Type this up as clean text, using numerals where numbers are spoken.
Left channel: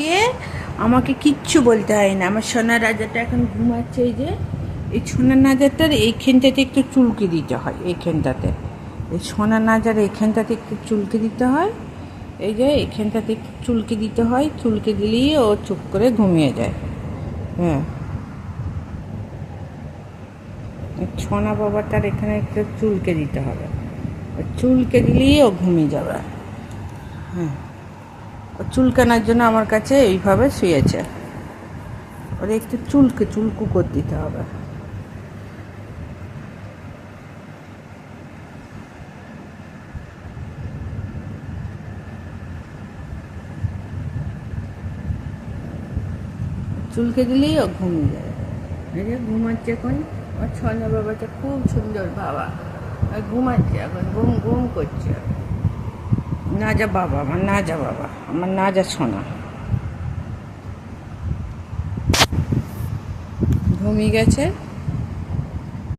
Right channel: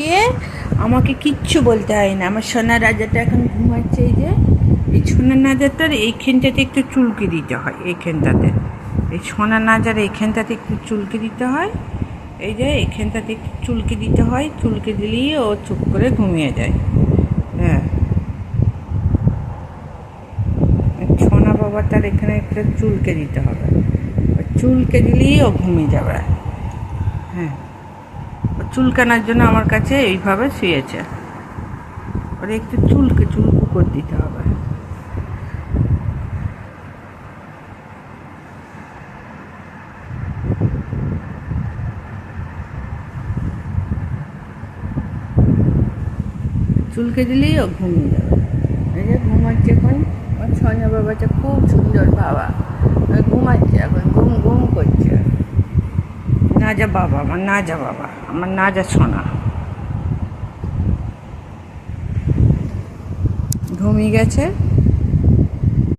কে আমাকে কিচ্ছু বলতে হয় না। আমার সোনা রাজাটা এখন ঘুমাচ্ছে। এই সোনা নাজারটার এইখানটাতে একটু চুলকে দিতে হয়, এইখানটাতে এই সোনা নাজার এইখানটাতে একটু চুলকে দিতে হয়। এই যে এইখানটাতে একটু চুলকে দিতে হয়, চুলকে দিলেই ও চুপ করে ঘুমিয়ে যায়। হ্যাঁ, সোনা বাবাটার এখানে একটু চুলকে দিতে হবে, চুলকে দিলেই ও ঘুমিয়ে যাবে। হ্যাঁ, ও চুলকানোর জন্য আমার কাছে এইভাবে শুয়েছে। ওরা একটু চুলকু করে দিতে হবে। চুলকে দিলেই ও ঘুমিয়ে যাবে। এই যে ঘুমাচ্ছে এখন। ওর সোনা বাবাটা খুব সুন্দর বাবা, ঘুমাচ্ছে এখন, ঘুম ঘুম করছে। না যা বাবা, আমার না যা বাবা, আমার না যা সোনা ঘুমিয়ে গেছে।